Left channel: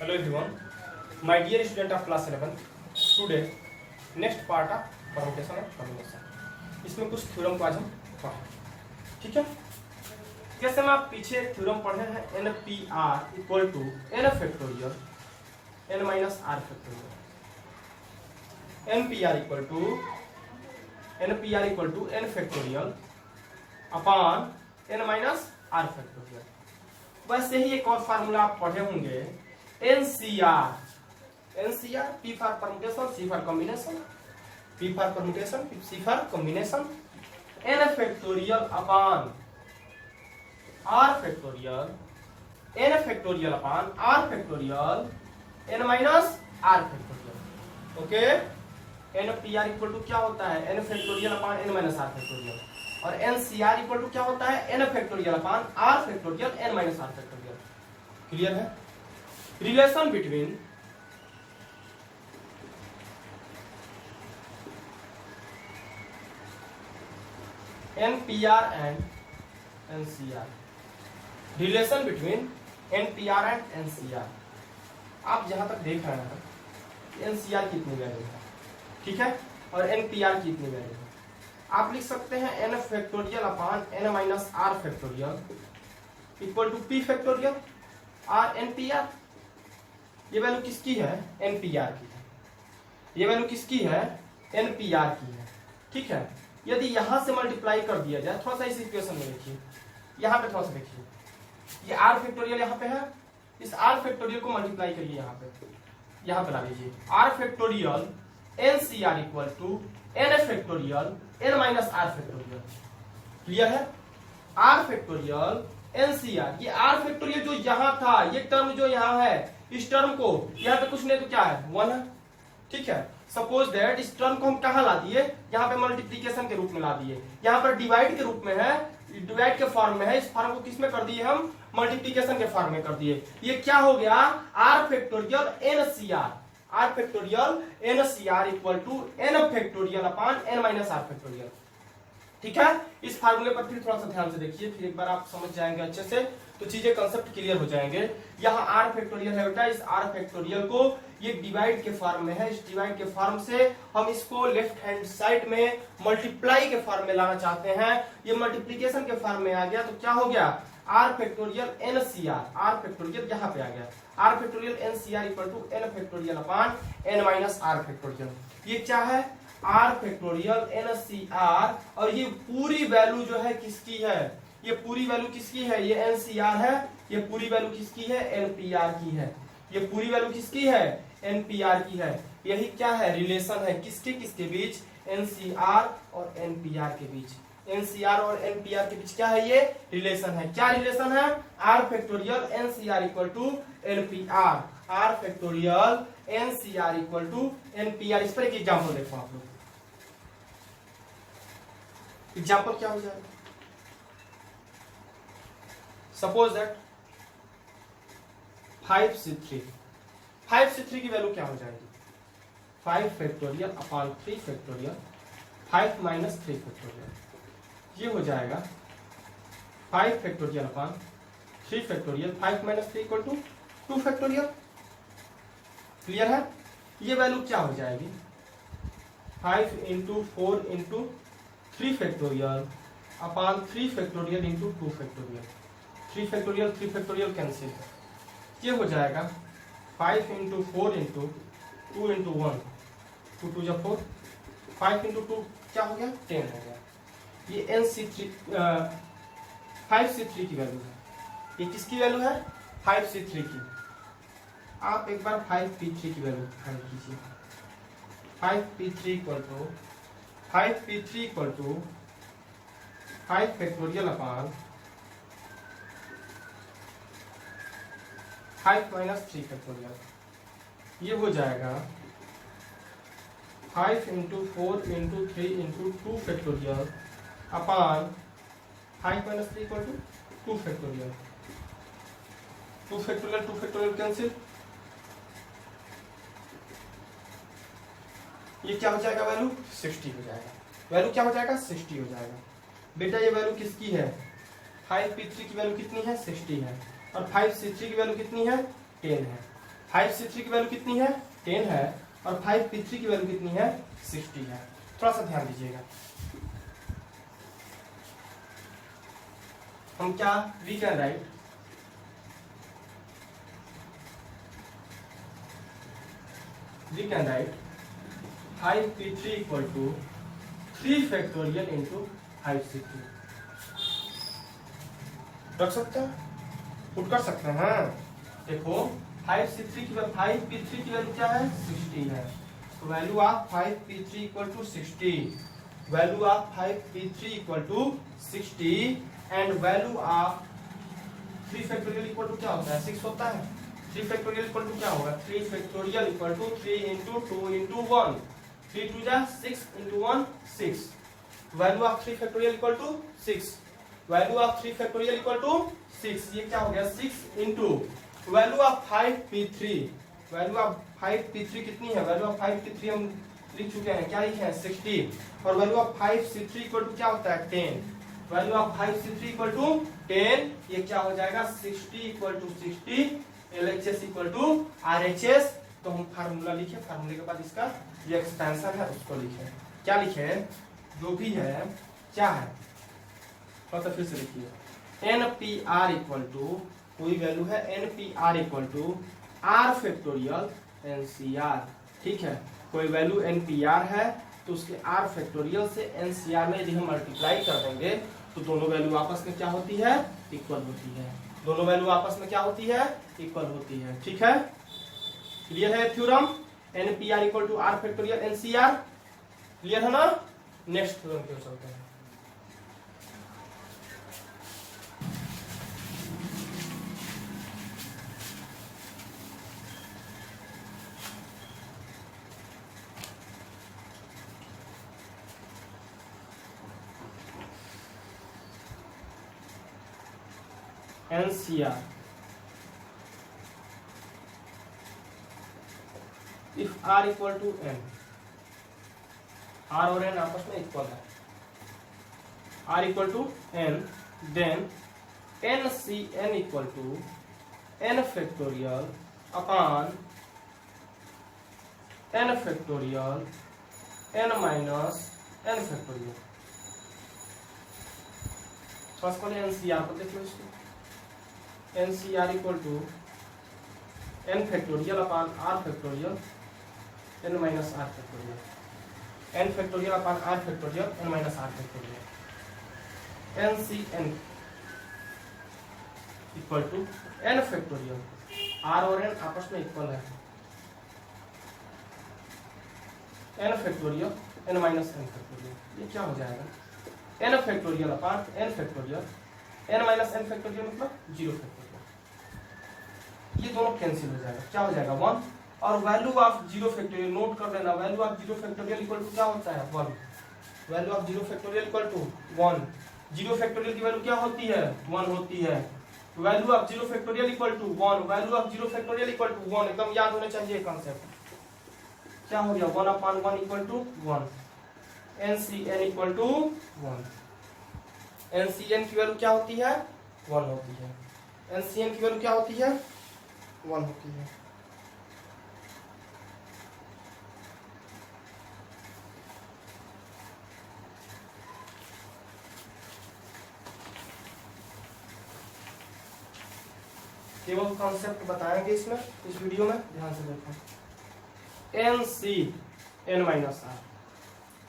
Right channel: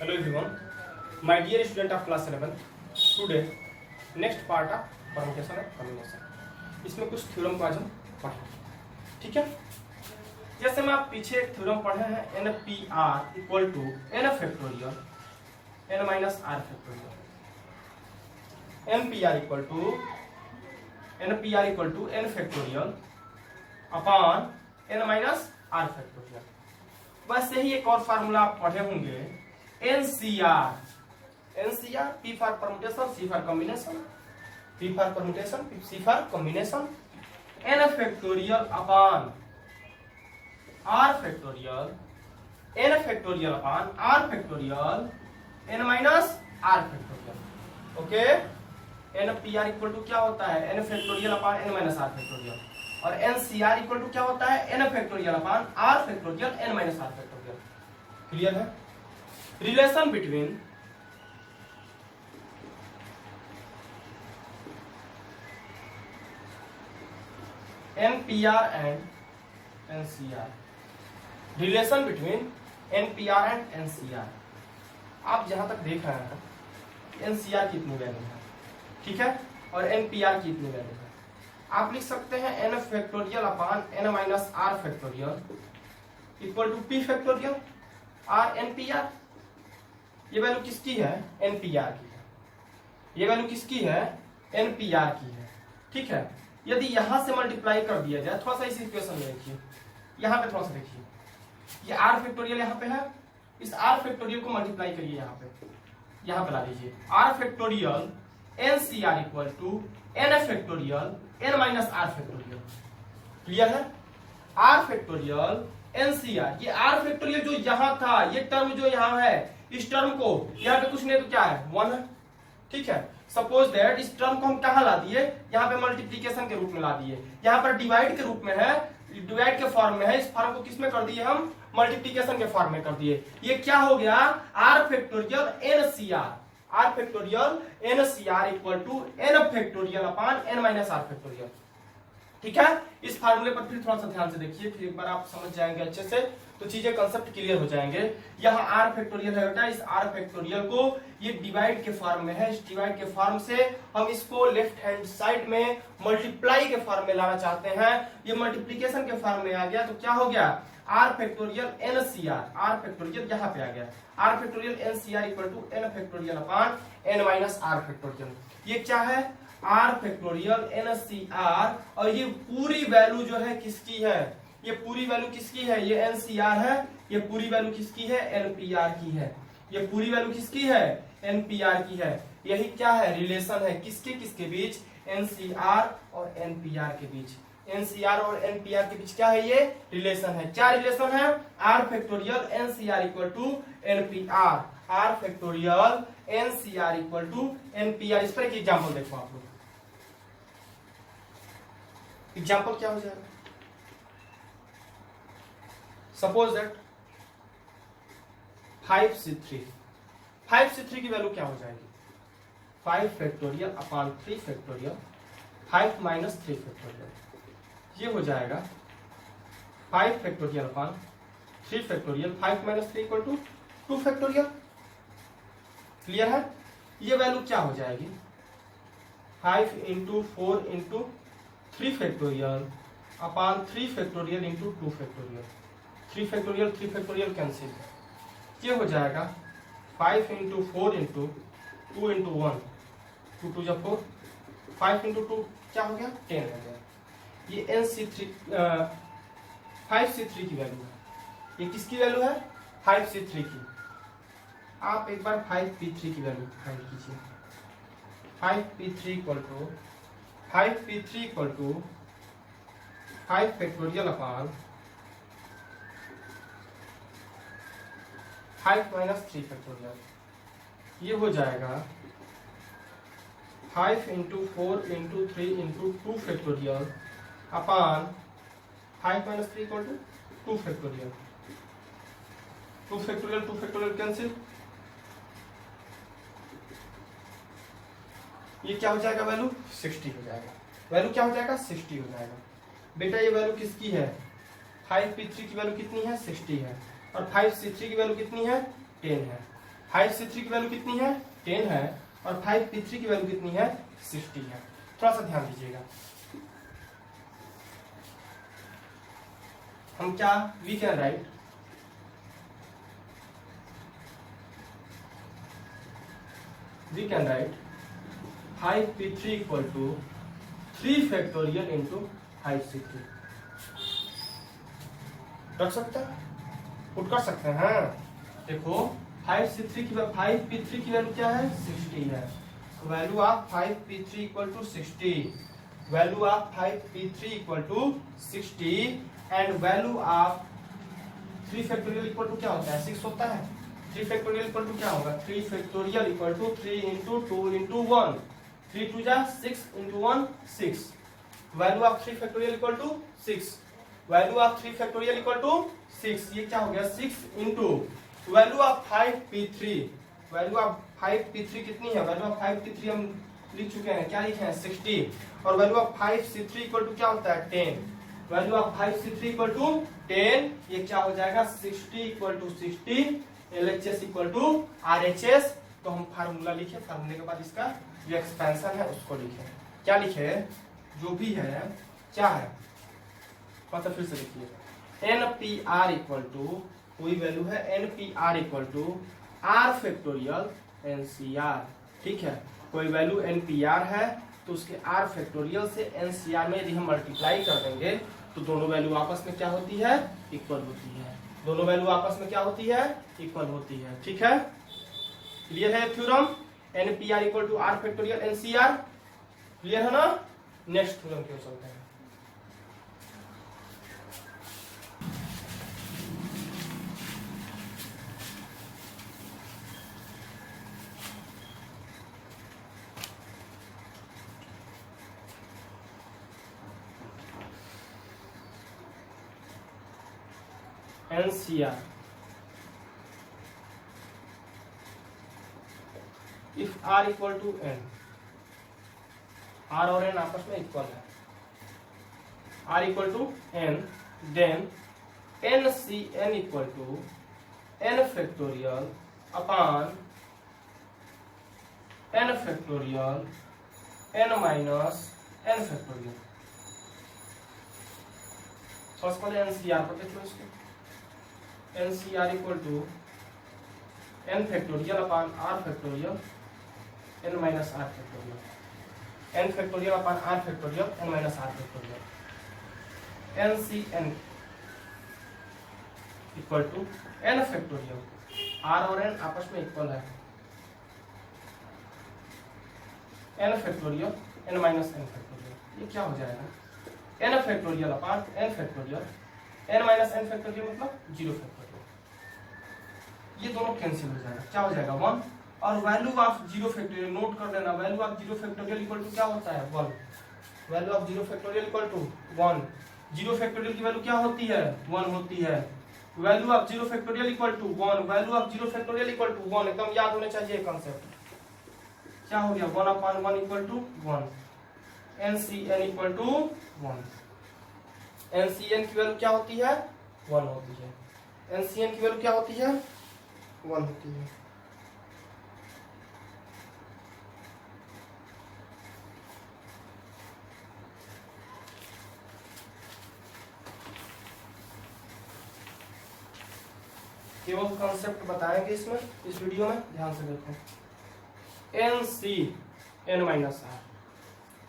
Hello everyone, my dear student of class 11. Today next part of permutation and combination. इसमें कुछ theorem को आज हम पढ़ेंगे, ठीक है। जैसे हम आप पीछे एक थ्योरम पढ़े हैं NPR equal to n factorial n minus r factorial. NPR equal to n factorial upon n minus r factorial. वैसे ही एक और फार्मूला आप पढ़े होंगे NCR, P for permutation, C for combination, P for permutation, C for combination, n factorial upon r factorial, n factorial upon r factorial, n minus r factorial. Okay, NPR equal to क्या होता है n factorial upon n minus r factorial, और NCR equal to क्या होता है n factorial upon r factorial n minus r factorial. Clear है? Relation between NPR and NCR, relation between NPR and NCR। आप जहां तक देख रहे हैं NCR की इतनी वैल्यू है, ठीक है, और NPR की इतनी वैल्यू है। आप लिख सकते हैं n factorial upon n minus r factorial equal to p factorial r NPR। ये वैल्यू किसकी है? NPR की है। ये वैल्यू किसकी है? NPR की है, ठीक है। यदि यहां से मल्टीप्लाई कर दिया जाए, थोड़ा सा इस इक्वेशन में देखिए, यहां पे थोड़ा सा देखिए, ये r फैक्टोरियल यहां पे है, इस r फैक्टोरियल को मल्टीप्लाई करिए यहां पे ला लीजिए r factorial NCR equal to n factorial n minus r factorial. Clear है? r फैक्टोरियल NCR, ये r फैक्टोरियल जो यहां था, ये टर्म जो यहां है, इस टर्म को यहाँ पे कुछ नहीं तो क्या है 1 है, ठीक है। सपोज दैट इस टर्म को हम कहाँ ला दिए, यहाँ पे मल्टीप्लीकेशन के रूप में ला दिए, यहाँ पर डिवाइड के रूप में है, डिवाइड के फॉर्म में है, इस फॉर्म को किस में कर दिए हम? मल्टीप्लीकेशन के फॉर्म में कर दिए। ये क्या हो गया? r factorial NCR, r factorial NCR equal to n factorial upon n minus r factorial, ठीक है। इस फार्मूले पर फिर थोड़ा सा ध्यान से देखिए, फिर एक बार आप समझ जाएंगे अच्छे से, तो चीजें कंसेप्ट क्लियर हो जाएंगे। यहाँ r फैक्टोरियल है बेटा, इस r फैक्टोरियल को ये डिवाइड के फॉर्म में है, इस डिवाइड के फॉर्म से हम इसको लेफ्ट हैंड साइड में मल्टीप्लाई के फॉर्म में लाना चाहते हैं। ये मल्टीप्लीकेशन के फॉर्म में आ गया तो क्या हो गया? r factorial NCR, r factorial यहाँ पे आ गया, r factorial NCR equal to n factorial upon n minus r factorial. ये क्या है? r फैक्टोरियल NCR, और ये पूरी वैल्यू जो है किसकी है? ये पूरी वैल्यू किसकी है? ये NCR है। ये पूरी वैल्यू किसकी है? NPR की है। ये पूरी वैल्यू किसकी है? NPR की है। यही क्या है? रिलेशन है, किसके किसके बीच? NCR और NPR के बीच। NCR और NPR के बीच क्या है? ये रिलेशन है। क्या रिलेशन है? r factorial NCR equal to NPR, r factorial NCR equal to NPR। इस पर एक एग्जाम्पल देखो आप लोग। एग्जाम्पल क्या हो जाएगा? सपोज दैट 5C3 की वैल्यू क्या हो जाएगी? 5 factorial upon 3 factorial 5 minus 3 factorial. ये हो जाएगा 5 factorial upon 3 factorial 5 minus 3 equal to 2 factorial. Clear है? ये वैल्यू क्या हो जाएगी? 5 into 4 into 3 factorial upon 3 factorial into 2 factorial. 3 factorial cancel, ये हो जाएगा 5 इंटू 4 इंटू 2 इंटू 1, 2 2 4, 5 इंटू 2 क्या हो गया? 10 हो गया। ये NC3 5C3 की वैल्यू है। ये किसकी वैल्यू है? 5C3 की। आप एक बार 5P3 की वैल्यू फाइंड कीजिए। 5P3 equal to 5 factorial upon 5 minus 3 factorial. ये हो जाएगा 5 into 4 into 3 into 2 factorial upon 5 minus 3 equal to 2 factorial. 2 factorial cancel, ये क्या हो जाएगा? वैल्यू 60 हो जाएगा। वैल्यू क्या हो जाएगा? 60 हो जाएगा। बेटा ये वैल्यू किसकी है? 5P3 की वैल्यू कितनी है? 60 है। और 5C3 की वैल्यू कितनी है? 10 है। 5c3 की वैल्यू कितनी है 10 है और 5p3 की वैल्यू कितनी है 60 है। थोड़ा सा ध्यान दीजिएगा। हम क्या we can write we can write 5p3 equal to 3 factorial into 5c3 रख सकते हैं, पुट कर सकते हैं। देखो 5p3 की वैल्यू क्या है 60 है, तो value of 5p3 equal to 60, value of 5p3 equal to 60 and value of 3 factorial equal to क्या होता है 6 होता है। 3 फैक्टोरियल इक्वल टू क्या होगा 3 factorial equal to 3 into 2 into 1, 3 2 जा 6 into 1 6, value of 3 factorial equal to 6, value of 3 factorial equal to 6, ये क्या हो गया 6 into value of 5p3, value of 5p3 कितनी है, वैल्यू ऑफ 5p3 हम लिख चुके हैं, क्या लिखे हैं 60, और value of 5c3 equal to क्या होता है 10, value of 5c3 equal to 10, ये क्या हो जाएगा 60 equal to 60, LHS equal to RHS। तो हम फार्मूला लिखे, फार्मूले के बाद इसका जो एक्सपेंशन है उसको लिखे, क्या लिखे जो भी है क्या है मतलब फिर से लिखिए NPR इक्वल टू कोई वैल्यू है NPR equal to R factorial NCR, ठीक है कोई वैल्यू NPR है तो उसके R फैक्टोरियल से NCR में यदि हम मल्टीप्लाई कर देंगे तो दोनों वैल्यू आपस में क्या होती है इक्वल होती है, दोनों वैल्यू आपस में क्या होती है इक्वल होती है, ठीक है। क्लियर है theorem NPR equal to R factorial NCR, clear है ना। नेक्स्ट थ्योरम पे चलते हैं। NCR if R equal to N, R और N आपस में इक्वल है, R equal to N, then NCN equal to N factorial upon N factorial N minus N factorial। सबसे पहले NCR पर देखो इसको, NCR equal to N factorial upon R factorial N minus R factorial, N factorial upon R factorial N minus R factorial, NCN equal to N factorial, R और N आपस में equal है, N factorial N minus N factorial, ये क्या हो जाएगा N factorial upon N factorial N minus N factorial मतलब 0 factorial, ये दोनों कैंसिल हो जाएगा, क्या हो जाएगा 1, और वैल्यू ऑफ 0 फैक्टोरियल नोट कर लेना, value of 0 factorial equal to क्या होता है 1, value of 0 factorial equal to 1, 0 factorial की वैल्यू क्या होती है 1 होती है, value of 0 factorial equal to 1, value of 0 factorial equal to 1, एकदम याद होना चाहिए कंसेप्ट, क्या हो गया 1 upon 1 equal to 1, NCN equal to 1, NCN की वैल्यू क्या होती है 1 होती है, NCN की वैल्यू क्या होती है 1 होती है। केवल कॉन्सेप्ट बताएंगे इसमें, इस वीडियो में ध्यान से देखो, NCN माइनस R,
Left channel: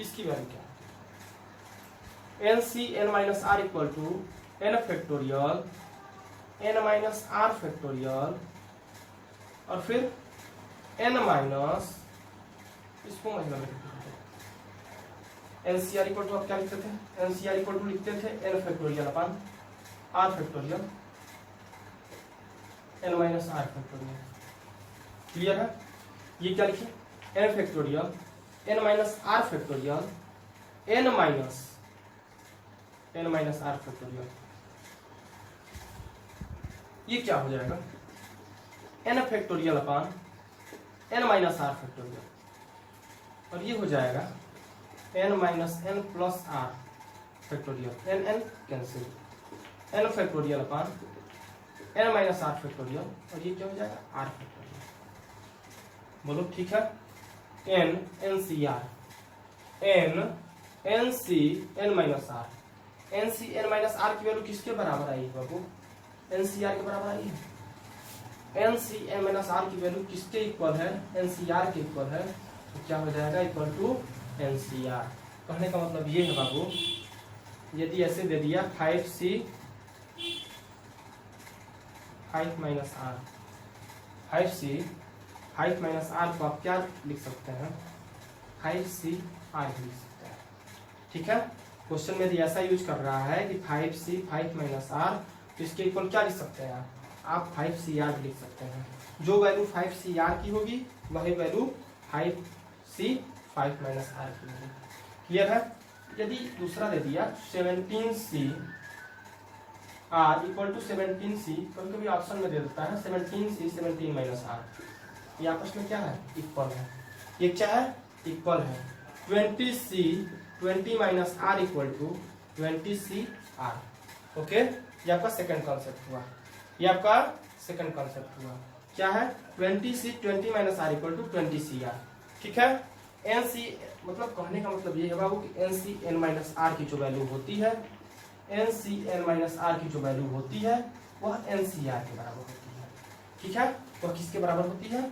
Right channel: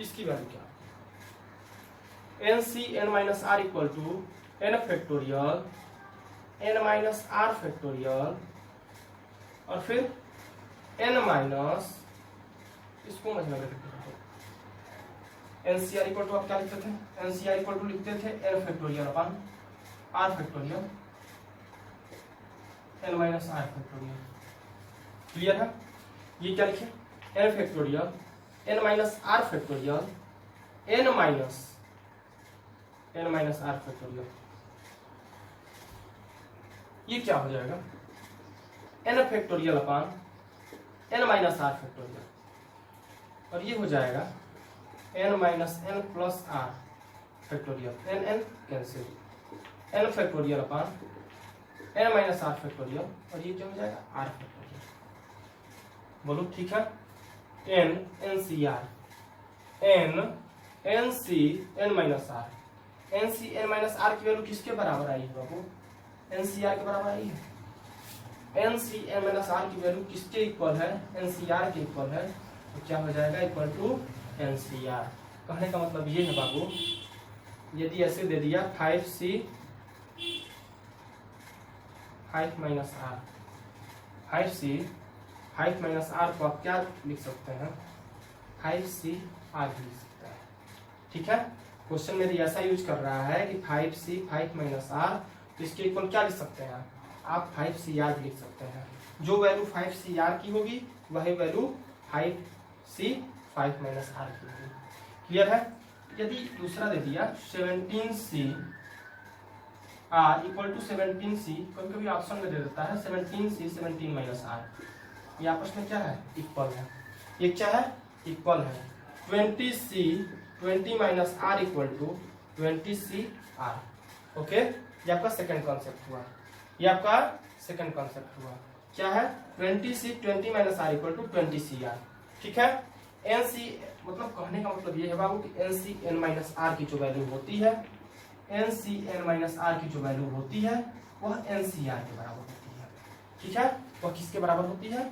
इसकी वैल्यू क्या होती है NCN minus R equal to N factorial N minus R factorial और फिर N माइनस इसको महीना NCR इक्वल टू आप क्या लिखते थे NCR इक्वल टू लिखते थे N factorial upon R factorial N minus R factorial, clear है। ये क्या लिखे N factorial N minus R factorial N minus R factorial, ये क्या हो जाएगा N factorial upon N minus R factorial, और ये हो जाएगा N minus N plus R factorial, N cancel, N factorial upon N minus R factorial, और ये क्या हो जाएगा R फैक्टोरियल। बोलो ठीक है। N N C R N C N minus R N C N minus R की value किसके बराबर आई है बाबू? एन सी आर के बराबर आई है। N C N minus R की वैल्यू किसके इक्वल है? एन सी आर के इक्वल है। तो क्या हो जाएगा? Equal to N C R. कहने का मतलब ये है बाबू, यदि ऐसे दे दिया 5c 5 minus are 5c 5 minus are को आप क्या लिख सकते हैं? 5c आर लिख सकते हैं। ठीक है, क्वेश्चन में ऐसा यूज कर रहा है कि 5c 5 माइनस आर, तो इसके इक्वल क्या लिख सकते हैं आप? 5c आर लिख सकते हैं। जो वैल्यू 5c आर की होगी वही वैल्यू 5c 5 माइनस आर की होगी। क्लियर है? यदि दूसरा दे दिया 17c R equal to 17c, कभी कभी ऑप्शन में दे देता है 17c 17 माइनस आर, ये आपस में क्या है? इक्वल है। ये क्या है? इक्वल है। 20c 20 minus R equal to 20c R. Okay, ये आपका सेकंड कॉन्सेप्ट हुआ। ये आपका सेकंड कॉन्सेप्ट हुआ। क्या है? 20c 20 minus R equal to 20c R. ठीक है, एन सी मतलब कहने का मतलब ये है बाबू कि N C N minus R की जो वैल्यू होती है, N C N minus R की जो वैल्यू होती है वह एन सी आर के बराबर होती है। ठीक है, वह किसके बराबर होती है?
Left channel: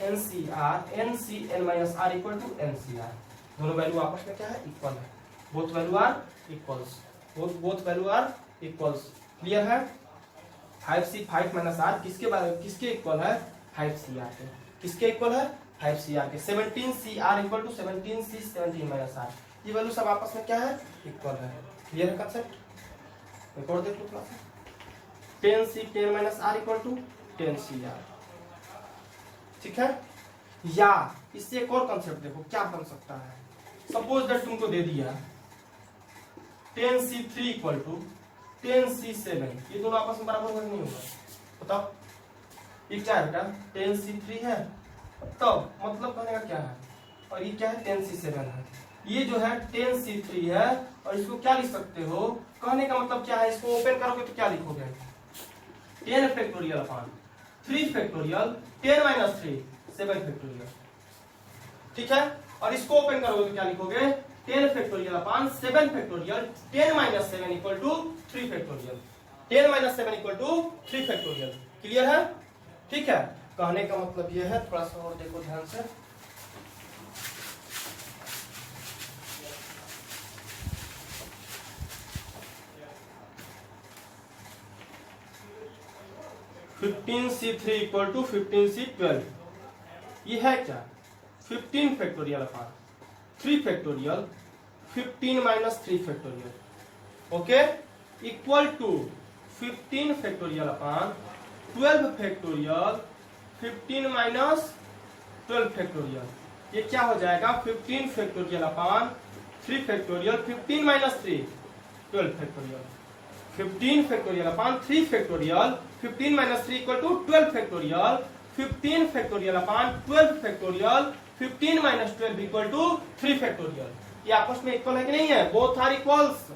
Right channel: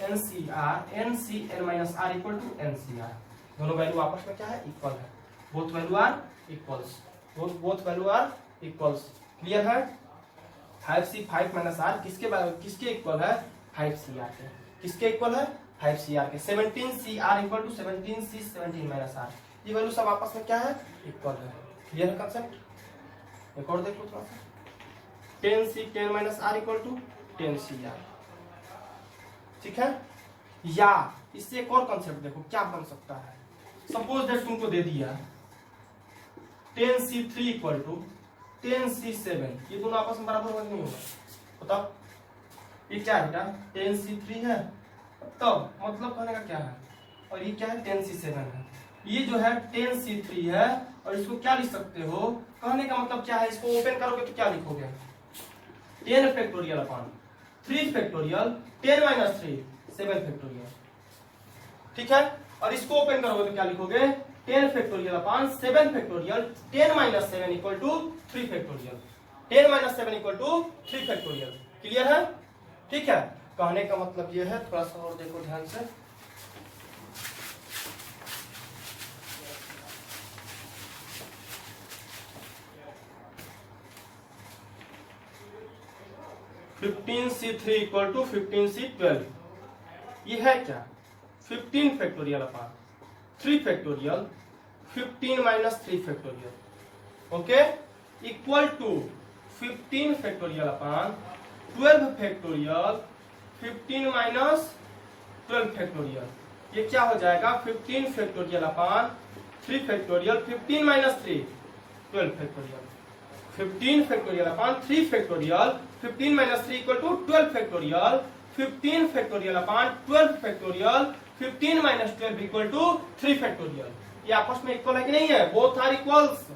N C N minus R equal to N C R. दोनों वैल्यू आपस में क्या है? इक्वल है। Both value are equals. Both value are equals. Clear है? 5c 5 माइनस आर किसके इक्वल है? 5c आर के। किसके इक्वल है? 5c आर के। 17c R equal to 17c 17 minus R, ये वैल्यू सब आपस में क्या है? इक्वल है। क्लियर है कंसेप्ट? एक और देख लो थोड़ा सा। 10c 10 minus R equal to 10c R. ठीक है, या इससे एक और कंसेप्ट देखो क्या बन सकता है। सपोज दैट तुमको दे दिया 10c 3 इक्वल टू 10c 7, ये दोनों आपस में बराबर होगा कि नहीं होगा? बताओ, ये क्या है बेटा? 10c 3 है, तब मतलब कहने का क्या है? और ये क्या है? 10c 7 है। ये जो है 10c 3 है, और इसको क्या लिख सकते हो? कहने का मतलब क्या है? इसको ओपन करोगे तो क्या लिखोगे? 10 factorial upon 3 factorial 10 minus 3 7 factorial. ठीक है, और इसको ओपन करोगे तो क्या लिखोगे? 10 factorial upon 7 factorial 10 minus 7 equal to 3 factorial. 10 minus 7 equal to 3 factorial. Clear है? ठीक है, कहने का मतलब यह है, थोड़ा सा और देखो ध्यान से। Fifteen C 3 equal to 15c 12, ये है क्या? 15 factorial upon 3 factorial 15 minus 3 factorial. Okay, equal to 15 factorial upon 12 factorial 15 minus 12 factorial. ये क्या हो जाएगा? 15 factorial upon 3 factorial 15 minus 3 12 factorial. 15 factorial upon 3 factorial 15 minus 3 equal to 12 factorial. 15 factorial upon 12 factorial 15 minus 12 equal to 3 factorial. ये आपस में equal है कि नहीं है? Both are equals.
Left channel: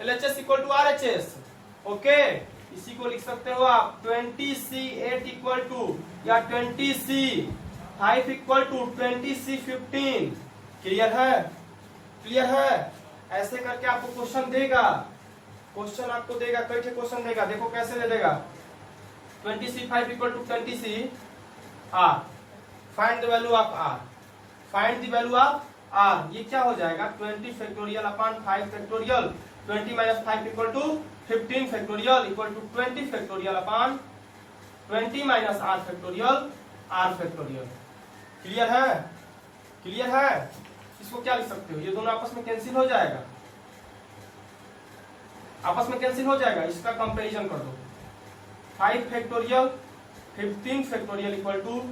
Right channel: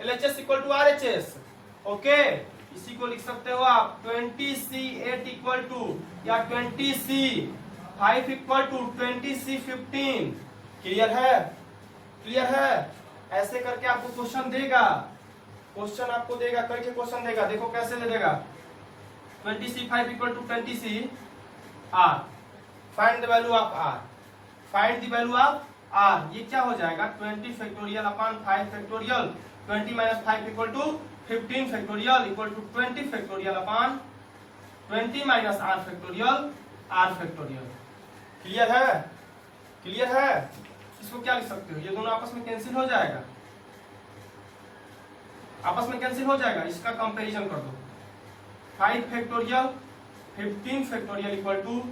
LHS equal to RHS। Okay, इसी को लिख सकते हो आप 20c 8 इक्वल टू, या 20c 5 equal to 20c 15। Clear है? क्लियर है? ऐसे करके आपको क्वेश्चन देगा। क्वेश्चन आपको देगा, कई क्वेश्चन देगा। देखो कैसे दे देगा। 20c 5 equal to 20c r, find the value of r, find the value of r। ये क्या हो जाएगा? 20 factorial upon 5 factorial 20 minus 5 equal to 15 factorial equal to 20 factorial upon 20 minus r factorial r factorial. Clear है? Clear है? इसको क्या लिख सकते हो? ये दोनों आपस में कैंसिल हो जाएगा, आपस में कैंसिल हो जाएगा। इसका कंपैरिजन कर दो। 5 factorial 15 factorial equal to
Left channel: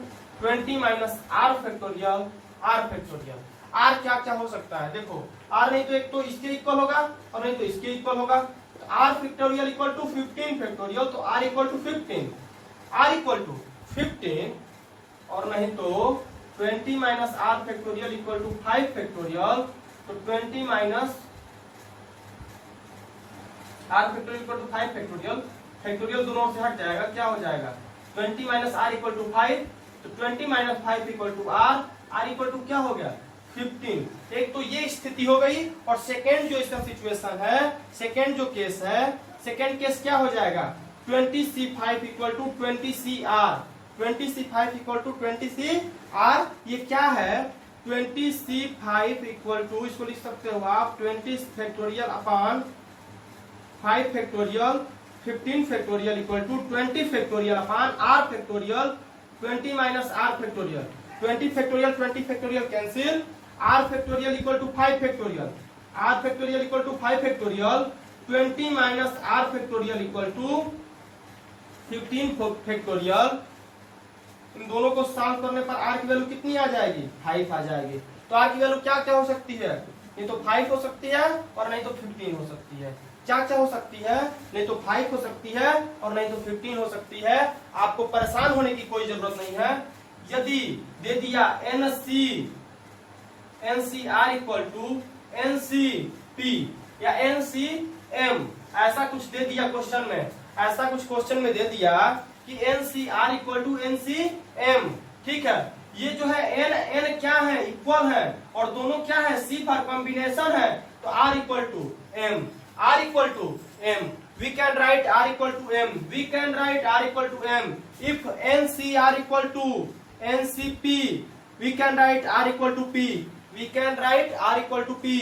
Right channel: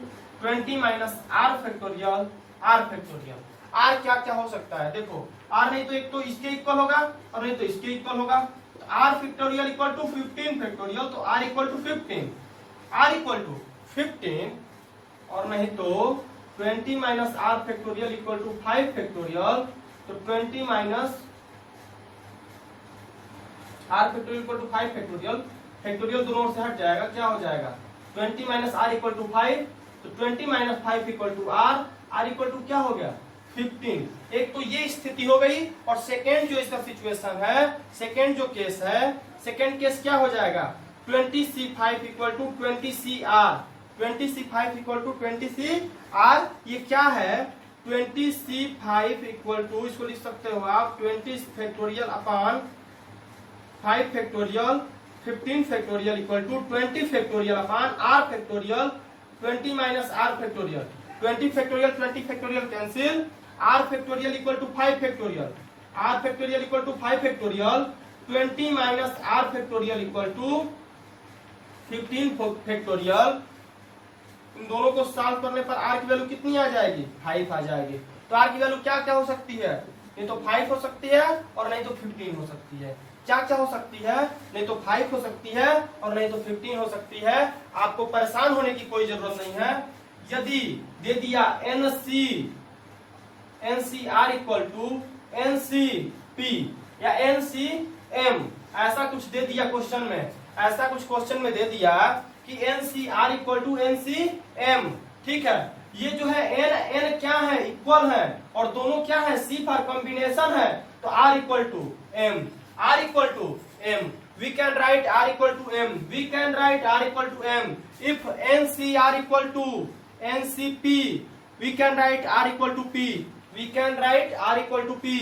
20 minus r factorial r factorial. r क्या क्या हो सकता है? देखो, r नहीं तो एक तो इसके इक्वल होगा और नहीं तो इसके इक्वल होगा। तो r factorial equal to 15 factorial, तो r equal to 15, r equal to 15, और नहीं तो 20 minus r factorial equal to 5 factorial, तो 20 minus r factorial equal to 5 factorial. Factorial दोनों से हट जाएगा, क्या हो जाएगा? 20 माइनस r इक्वल टू 5 तो 20 minus 5 equal to R, R equal to क्या हो गया 15। एक तो ये स्थिति हो गई, और सेकेंड जो इसका सिचुएशन है, सेकेंड जो केस है, सेकेंड केस क्या हो जाएगा 20C5 equal to 20CR, 20C5 equal to 20CR। ये क्या है 20C5 इक्वल टू, इसको लिख सकते हो आप 20 factorial upon 5 factorial 15 factorial equal to 20 factorial upon r factorial 20 minus r factorial. 20 factorial 20 factorial cancel, r factorial equal to 5 factorial, r factorial equal to 5 factorial 20 minus r factorial equal to 15 factorial. इन दोनों को solve करने पर r की value कितनी आ जाएगी 5 आ जाएगी। तो r की वैल्यू क्या क्या हो सकती है, नहीं तो 5 हो सकती है और नहीं तो 15 हो सकती है। क्या क्या हो सकती है, नहीं तो 5 हो सकती है और नहीं तो 15 हो सकती है। आपको परेशान होने की कोई जरूरत नहीं है। यदि दे दिया NCR इक्वल टू NCP या NCM, ऐसा कुछ दे दिया क्वेश्चन में, ऐसा कुछ क्वेश्चन में दे दिया कि NCR इक्वल टू NCM, ठीक है। ये जो है n क्या है इक्वल है, और दोनों क्या है C फॉर कॉम्बिनेशन है, तो R equal to M, R equal to M, we can write R equal to M, we can write R equal to M. If NCR equal to NCP, we can write R equal to P, we can write R equal to P.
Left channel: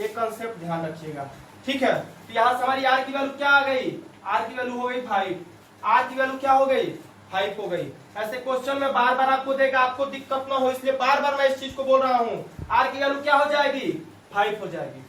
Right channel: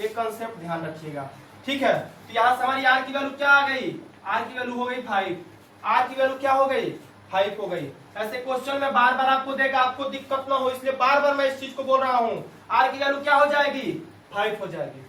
ये concept ध्यान रखिएगा, ठीक है। तो यहाँ से हमारी R की वैल्यू क्या आ गई, R की वैल्यू हो गई 5, R की वैल्यू क्या हो गई 5 हो गई। ऐसे क्वेश्चन में बार बार आपको देगा, आपको दिक्कत ना हो इसलिए बार बार मैं इस चीज को बोल रहा हूँ। R की वैल्यू क्या हो जाएगी 5 हो जाएगी।